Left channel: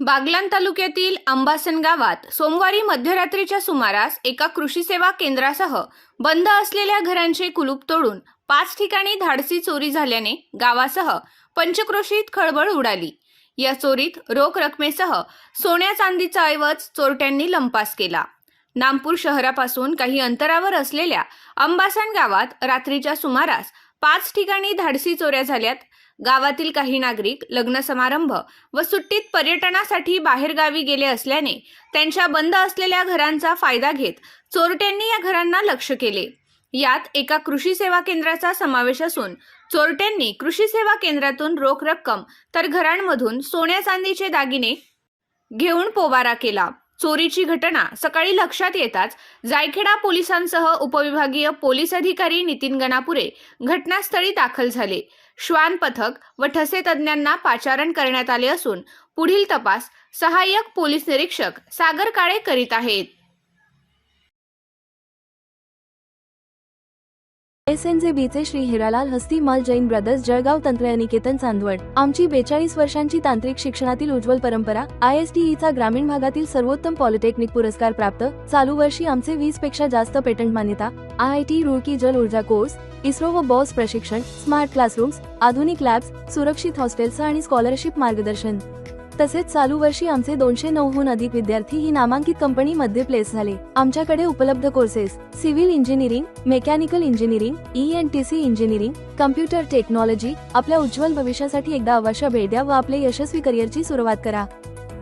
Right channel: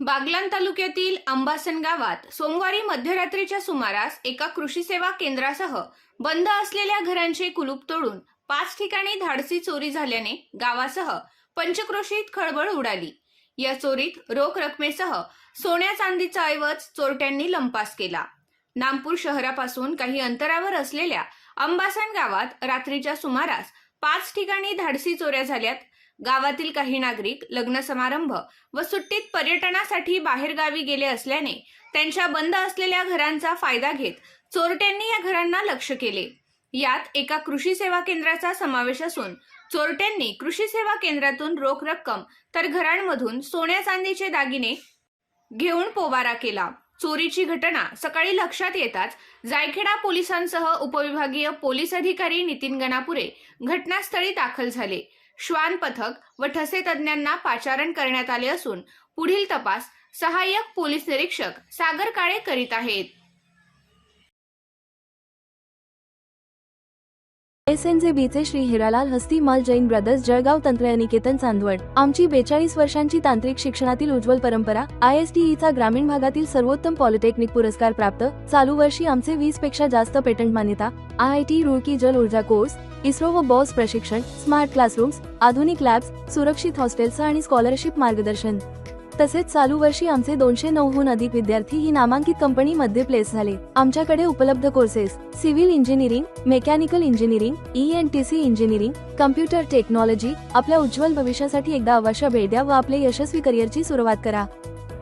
बागलान तालुक्यातील अंबासन गावात सोमवारी मध्यरात्रीच्या सुमारास एका कृषी सेवा केंद्रासह बंद असलेल्या घरांचे कुलूप तोडून पाच ठिकाणी धाडसी चोरी झाल्याने गावासह पंचक्रोशीत खळबळ उडाली. या चोरीत रोख रकमेसह सोन्या चांदीचा ऐवज चोरट्यांनी लंपास केला. नामपूर शहरापासून काही अंतरावर असलेल्या अंबासन गावात रात्रीच्या सुमारास पाच ठिकाणी धाडसी चोऱ्या झाल्यात गावातील काही नागरिक लग्न समारंभ व सुट्टीत पर्यटनासाठी बाहेरगावी गेले असल्याने त्यांच्या बंद असलेल्या घरांचा फायदा घेत चोरट्यांनी या घरांना लक्ष केले. यात एका कृषी सेवा केंद्राचा समावेश असून चोरट्यांनी कृषी सेवा केंद्रातून रोख रक्कम तर घरांमधून सोन्या चांदीचे दागिने घेऊन पोबारा केला. चोरीची घटना सकाळी लक्षात येताच जायखेडा पोलिसांसह उपविभागीय पोलीस अधिकारी नितीन गणापुरे घटनास्थळी दाखल झाले. श्वान पथक व ठसे तज्ज्ञांना पाचारण करण्यात आले असून पुढील तपास सहाय्यक पोलीस निरीक्षक सागर काळे करीत आहेत. एस एन जे बीचे श्री हिरालाल हस्ती माल जैन ब्रदर्स जळगाव तंत्रनिकेतन चांदवड. आमची बेचाळीस वर्षांची तांत्रिक शिक्षणातील उज्ज्वल परंपरा आय एस टी चा ग्रामीण भागातील सर्वोत्तम पॉलिटेक्निक पुरस्कार प्राप्त चालू वर्षी आमचे वीसपेक्षा जास्त पेटंट मान्यता आय आय टी रुळकी जल ऊर्जा कोर्स इस्रो व बॉस प्रशिक्षण स्मार्ट क्लासरूम्स आधुनिक लॅब्स सुरक्षित हॉस्टेल्स आणि स्कॉलरशिप मार्गदर्शन. तसेच चालू वर्षी आमचे दोनशे नऊहून अधिक विद्यार्थी ही नामांकित कंपनीमध्ये प्लेस झाले. आमच्याकडे उपलब्ध courses civil engineering mechanical engineering E N T C engineering computer technology आपल्या उज्ज्वल भविष्यासाठी एकदा अवश्य भेट द्या व आपले यशस्वी करिअरची सुरुवात करा.